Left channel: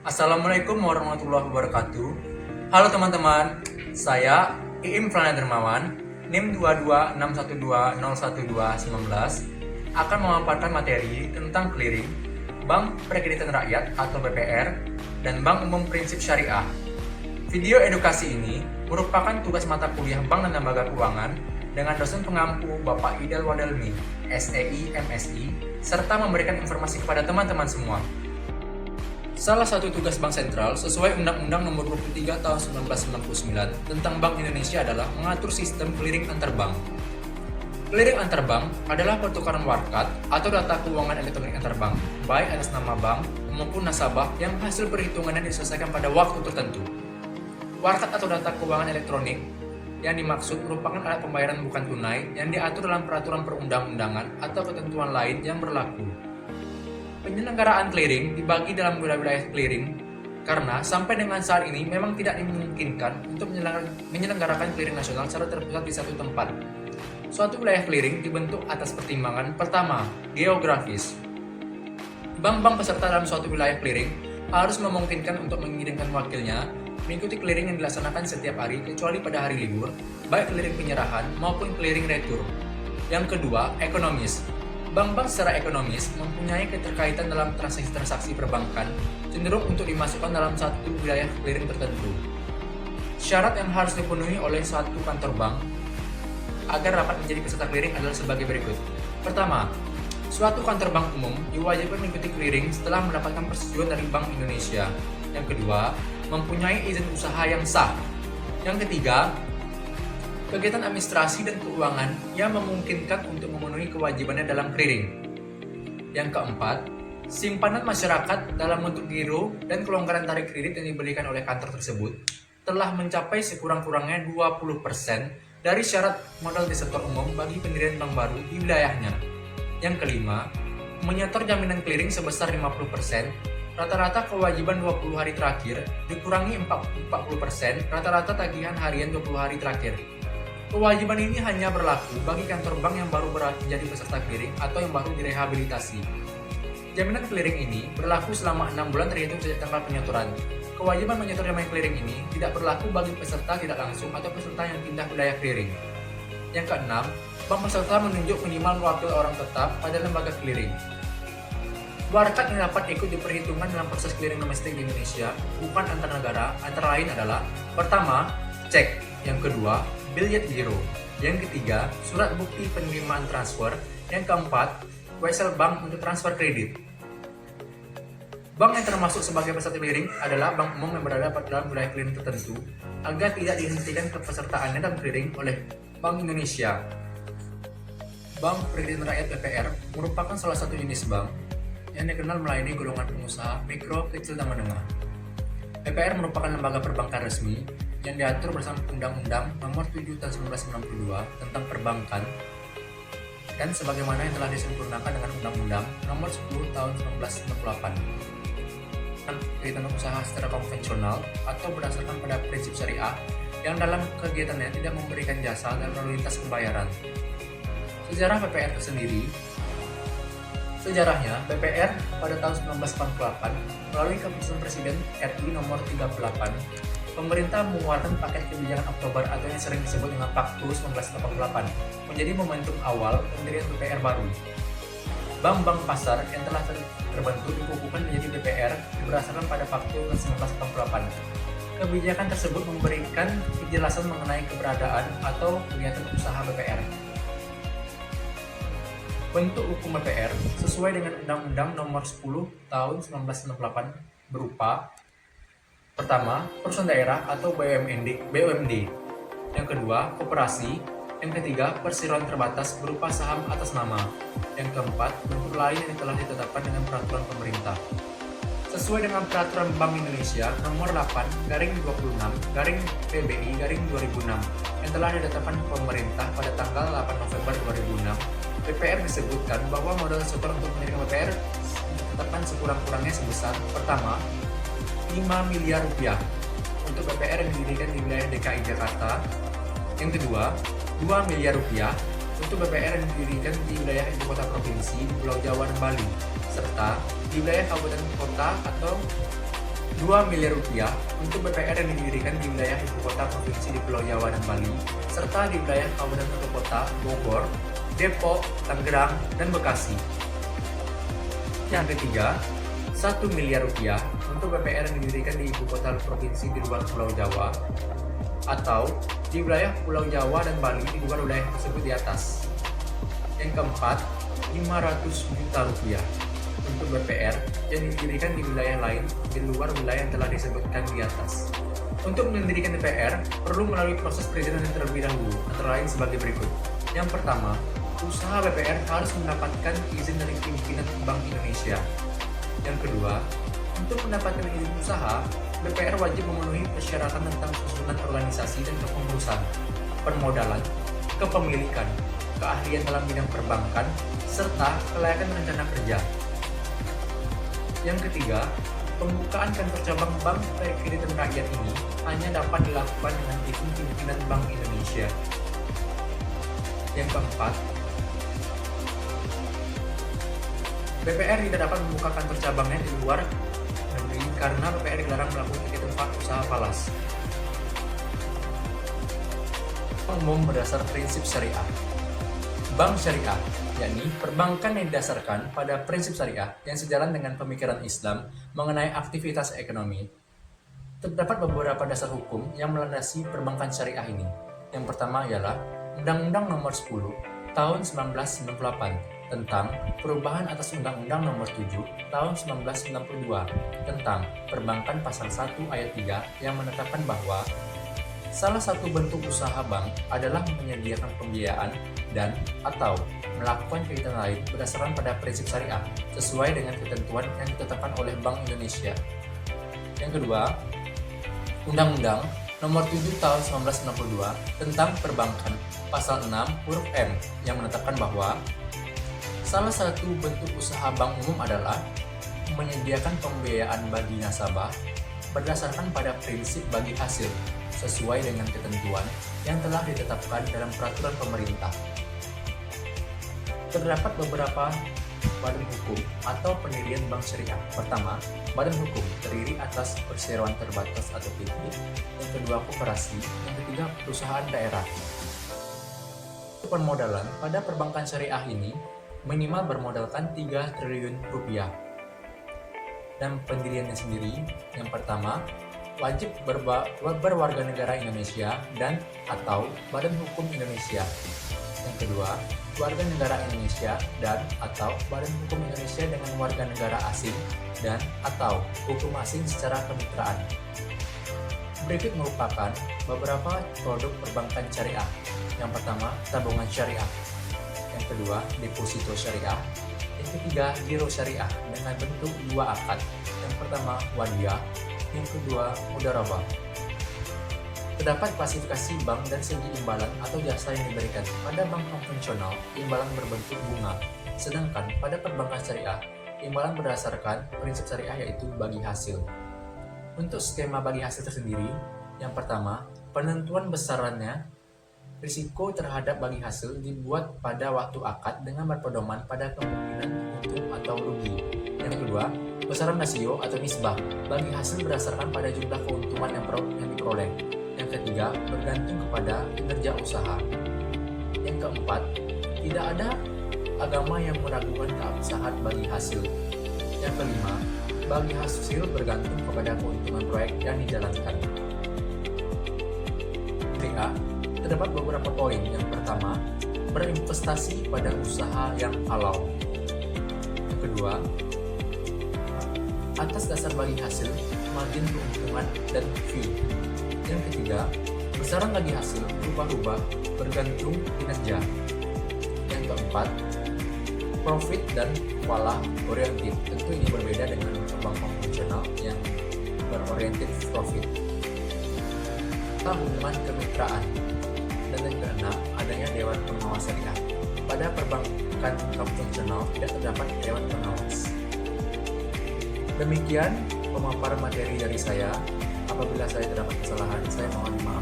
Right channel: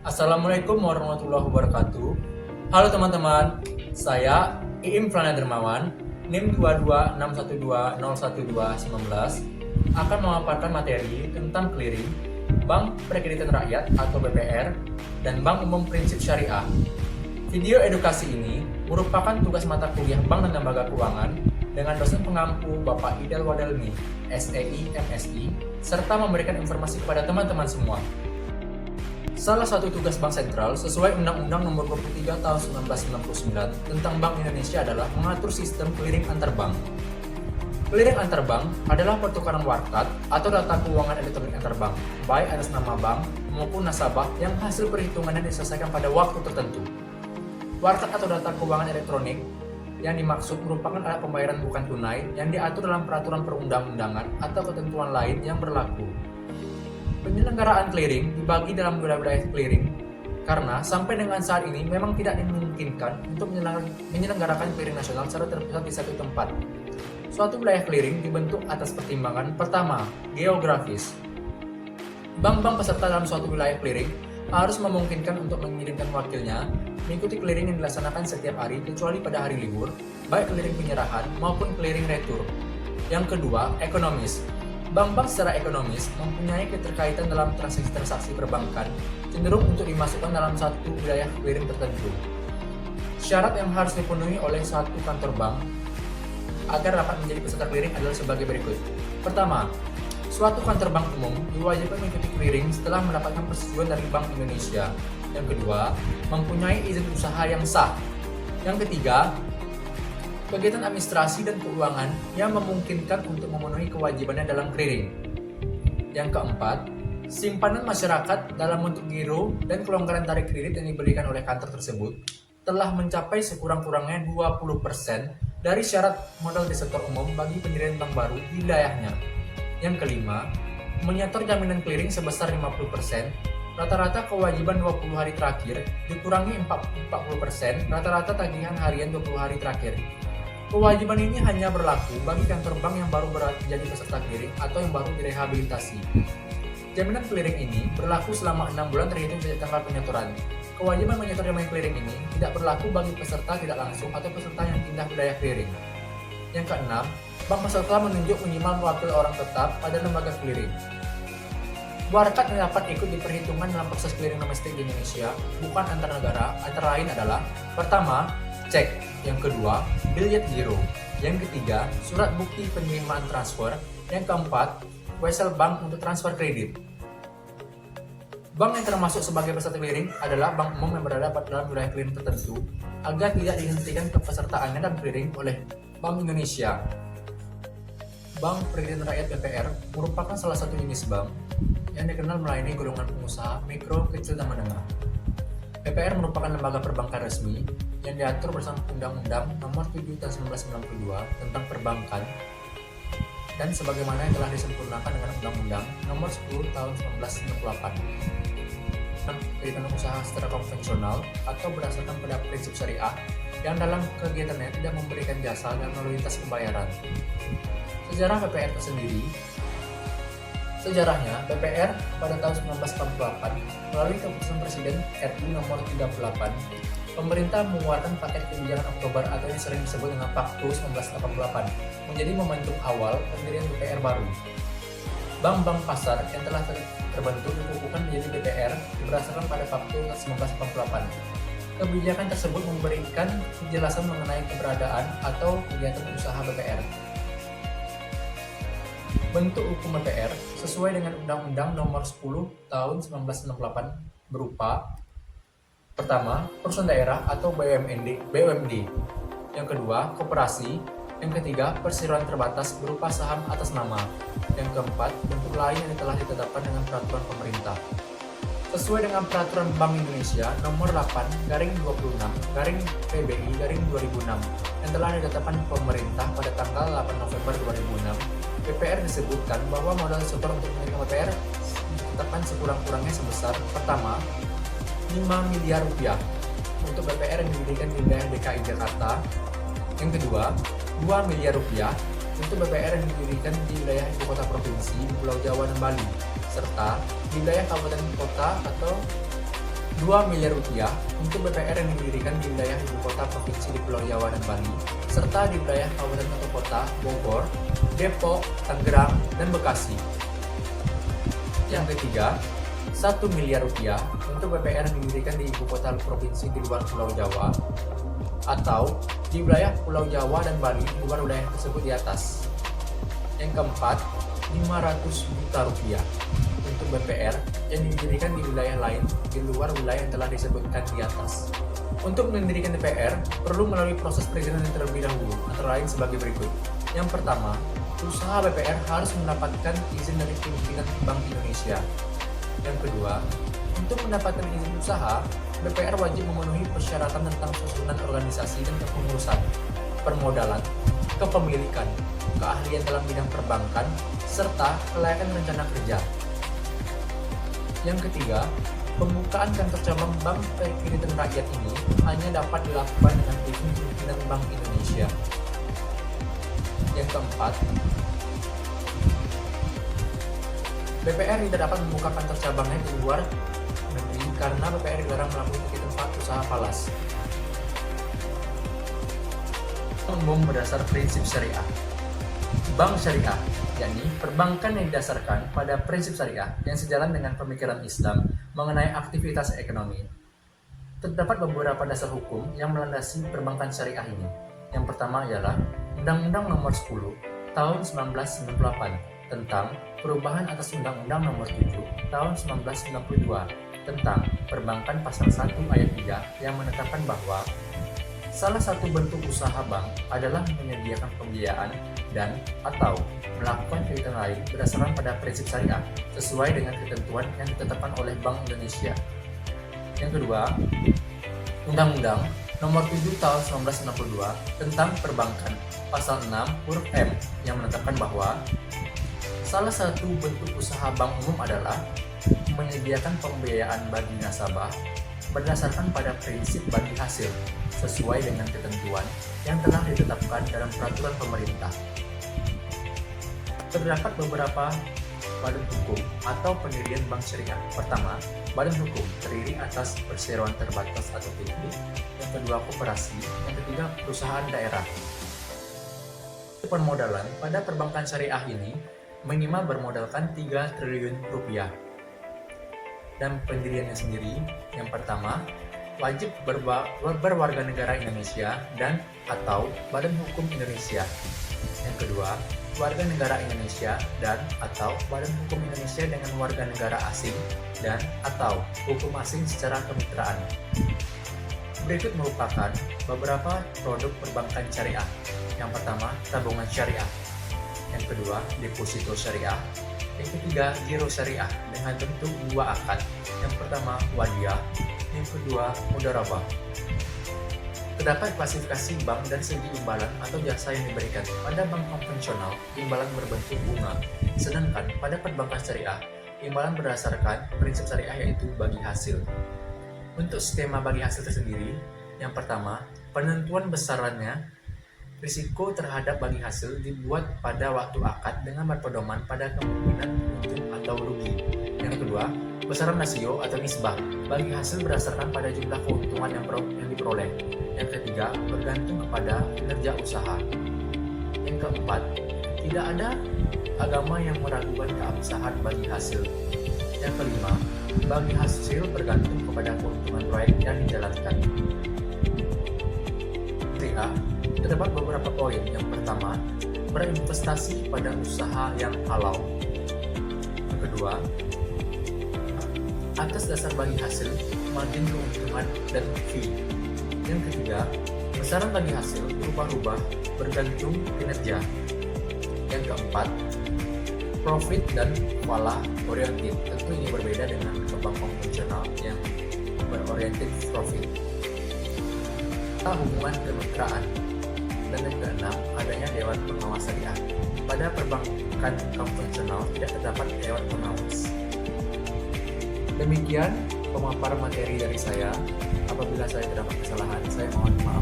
Assalamualaikum warahmatullahi wabarakatuh. Halo teman-teman, saya Iim Frana Dermawan, NIM 22612011219 akan memaparkan materi tentang clearing, Bank Perkreditan Rakyat atau BPR, dan Bank Umum Prinsip Syariah. Video edukasi ini merupakan tugas mata kuliah Bank dan Lembaga Keuangan dengan dosen pengampu Bapak Idal Wadelmi, SEI, MSI, serta memberikan informasi kepada teman-teman semua. Salah satu tugas Bank Sentral sesuai Undang-Undang Nomor 23 Tahun 1999 tentang Bank Indonesia adalah mengatur sistem clearing antar bank. Clearing antar bank adalah pertukaran warkat atau data keuangan elektronik antar bank, baik atas nama bank maupun nasabah yang hasil perhitungannya diselesaikan pada waktu tertentu. Warkat atau data keuangan elektronik yang dimaksud merupakan alat pembayaran bukan tunai yang diatur dalam peraturan perundang-undangan atau ketentuan lain yang berlaku. Penyelenggaraan clearing dibagi dalam wilayah clearing karena sampai dengan saat ini memang tidak dimungkinkan untuk menyelenggarakan clearing nasional secara terpusat di satu tempat. Suatu wilayah clearing dibentuk atas pertimbangan pertama, geografis. Bank-bank peserta dalam suatu wilayah clearing harus memungkinkan untuk mengirimkan wakilnya mengikuti clearing yang dilaksanakan setiap hari kecuali pada hari libur, baik clearing penyerahan maupun clearing retur. Yang kedua, ekonomis. Bank-bank secara ekonomis mempunyai keterkaitan dalam transaksi perbankan cenderung untuk dimasukkan dalam satu wilayah clearing tertentu. Syarat yang harus dipenuhi oleh suatu kantor bank agar dapat menjadi peserta clearing adalah sebagai berikut. Pertama, suatu kantor bank umum diwajibkan mengikuti clearing setelah mendapatkan persetujuan dari Bank Indonesia. Yang kedua, mempunyai izin usaha yang sah. Yang ketiga, kegiatan administrasi dan keuangan yang memungkinkan untuk memenuhi kewajibannya dalam clearing. Yang keempat, simpanan masyarakat dalam bentuk giro dan kelonggaran tarik kredit yang diberikan oleh kantor tersebut telah mencapai sekurang-kurangnya 20% dari syarat modal depositor umum bagi pendirian bank baru di wilayahnya. Yang kelima, menyetor jaminan clearing sebesar 50%, rata-rata kewajiban 20 hari terakhir dikurangi 40% rata-rata tagihan harian 20 hari terakhir. Kewajiban ini hanya berlaku bagi kantor bank yang baru menjadi peserta clearing atau yang baru direhabilitasi. Jaminan clearing ini berlaku selama 6 bulan terhitung dari tanggal penyetoran. Kewajiban menyetor jaminan clearing ini tidak berlaku bagi peserta tidak langsung atau peserta yang pindah wilayah clearing. Yang keenam, bank peserta menunjuk minimal wakil orang tetap pada lembaga clearing. Warkat yang dapat ikut diperhitungkan dalam proses clearing domestik di Indonesia bukan antar negara, antara lain adalah pertama, cek. Yang kedua, billet giro. Yang ketiga, surat bukti penerimaan transfer. Yang keempat, wesel bank untuk transfer kredit. Bank yang termasuk sebagai peserta clearing adalah bank umum yang berada dalam wilayah clearing tertentu agar tidak dihentikan kepesertaannya dalam clearing oleh Bank Indonesia. Bank Perkreditan Rakyat BPR merupakan salah satu jenis bank yang dikenal melayani golongan pengusaha mikro, kecil, dan menengah. BPR merupakan lembaga perbankan resmi yang diatur bersama Undang-Undang Nomor 7 Tahun 1992 tentang Perbankan dan sebagaimana yang telah disempurnakan dengan Undang-Undang Nomor 10 Tahun 1998 tentang kegiatan usaha secara konvensional atau berdasarkan pada prinsip syariah yang dalam kegiatannya tidak memberikan jasa dan lalu lintas pembayaran. Sejarah BPR tersendiri. Sejarahnya, BPR pada tahun 1948 melalui keputusan Presiden RI nomor 38, pemerintah mengeluarkan paket kebijakan Oktober atau yang sering disebut dengan Paktu 1988 menjadi momentum awal pendirian BPR baru. Bank-bank pasar yang telah terbentuk dikukuhkan menjadi BPR berdasarkan pada Paktu 1988. Kebijakan tersebut memberikan kejelasan mengenai keberadaan atau kegiatan usaha BPR. Bentuk hukum BPR sesuai dengan Undang-Undang Nomor 10 Tahun 1998 berupa: pertama, perusahaan daerah atau BUMD. Yang kedua, koperasi. Yang ketiga, perseroan terbatas berupa saham atas nama. Yang keempat, bentuk lain yang telah ditetapkan dengan peraturan pemerintah. Sesuai dengan peraturan Bank Indonesia Nomor 8/26/PBI/2006 yang telah ditetapkan pemerintah pada tanggal 8 November 2006, BPR disebutkan bahwa modal depositor untuk menerima BPR ditetapkan sekurang-kurangnya sebesar: pertama, 5 miliar rupiah untuk BPR yang didirikan di wilayah DKI Jakarta. Yang kedua, 2 miliar rupiah untuk BPR yang didirikan di wilayah ibu kota provinsi, Pulau Jawa dan Bali, serta di wilayah kabupaten kota atau 2 miliar rupiah untuk BPR yang didirikan di wilayah ibu kota provinsi di Pulau Jawa dan Bali, serta di wilayah kabupaten kota Bogor, Depok, Tangerang, dan Bekasi. Yang ketiga, 1 miliar rupiah untuk BPR yang didirikan di ibu kota provinsi di luar Pulau Jawa atau di wilayah Pulau Jawa dan Bali di luar wilayah tersebut di atas. Yang keempat, 500 juta rupiah untuk BPR yang didirikan di wilayah lain di luar wilayah yang telah disebutkan di atas. Untuk mendirikan BPR perlu melalui proses perizinan terlebih dahulu, antara lain sebagai berikut. Yang pertama, usaha BPR harus mendapatkan izin dari pimpinan Bank Indonesia. Yang kedua, untuk mendapatkan izin usaha, BPR wajib memenuhi persyaratan tentang susunan organisasi dan kepengurusan, permodalan, kepemilikan, keahlian dalam bidang perbankan, serta kelayakan rencana kerja. Yang ketiga, pembukaan kantor cabang Bank Kreditan Rakyat ini hanya dapat dilakukan dengan izin pimpinan Bank Indonesia. Yang keempat, BPR tidak dapat membuka kantor cabangnya di luar negeri karena BPR dilarang melakukan di tempat usaha falas. Umum berdasar prinsip syariah. Bank syariah, yakni perbankan yang didasarkan pada prinsip syariah yang sejalan dengan pemikiran Islam mengenai aktivitas ekonomi. Terdapat beberapa dasar hukum yang melandasi perbankan syariah ini. Yang pertama ialah Undang-Undang Nomor 10 Tahun 1998 tentang perubahan atas Undang-Undang Nomor 7 Tahun 1992 tentang Perbankan Pasal 1 Ayat 3 yang menetapkan bahwa salah satu bentuk usaha bank adalah menyediakan pembiayaan dan atau melakukan kegiatan lain berdasarkan pada prinsip syariah sesuai dengan ketentuan yang ditetapkan oleh Bank Indonesia. Yang kedua, Undang-Undang Nomor 7 Tahun 1962 tentang Perbankan Pasal 6 huruf M yang menetapkan bahwa salah satu bentuk usaha bank umum adalah menyediakan pembiayaan bagi nasabah berdasarkan pada prinsip bagi hasil sesuai dengan ketentuan yang telah ditetapkan dalam peraturan pemerintah. Terdapat beberapa badan hukum atau pendirian bank syariah. Pertama, badan hukum terdiri atas perseroan terbatas atau PT. Yang kedua, koperasi. Yang ketiga, perusahaan daerah. Permodalan pada perbankan syariah ini minimal bermodalkan 3 triliun rupiah. Dan pendiriannya sendiri, yang pertama, wajib berwarga negara Indonesia dan atau Badan Hukum Indonesia. Yang kedua, warga negara Indonesia dan atau Badan Hukum Indonesia dengan warga negara asing dan atau hukum asing secara kemitraan. Berikut merupakan beberapa produk perbankan syariah. Yang pertama, tabungan syariah. Yang kedua, deposito syariah. Yang ketiga, giro syariah dengan bentuk 2 akad. Yang pertama, wadiyah. Yang kedua, mudharabah. Terdapat klasifikasi bank dan segi imbalan atau jasa yang diberikan. Pada bank konvensional, imbalan berbentuk bunga. Sedangkan pada perbankan syariah, imbalan berdasarkan prinsip syariah yaitu bagi hasil. Untuk skema bagi hasil tersendiri, yang pertama, penentuan besarannya. Risiko terhadap bagi hasil dibuat pada waktu akad dengan berpedoman pada kemungkinan untung atau rugi. Yang kedua, besaran rasio atau nisbah bagi hasil berdasarkan pada jumlah keuntungan yang diperoleh. Yang ketiga, bergantung kepada kinerja usaha. Yang keempat, tidak ada agama yang meragukan keabsahan bagi hasil. Yang kelima, bagi hasil bergantung kepada keuntungan proyek yang dijalankan. Terdapat beberapa poin. Yang pertama, berinvestasi pada usaha yang halal. Yang kedua, atas dasar bagi hasil, margin keuntungan dan fee. Yang ketiga, besaran bagi hasil berubah-ubah bergantung kinerja. Yang keempat, profit dan falah oriented. Tentu ini berbeda dengan bank konvensional yang beroriented profit. Hukuman kemitraan. Adanya Dewan Pengawas Syariah. Pada perbankan konvensional tidak terdapat Dewan Pengawas. Demikian pemaparan materi dari saya. Apabila saya terdapat kesalahan, saya mohon maaf.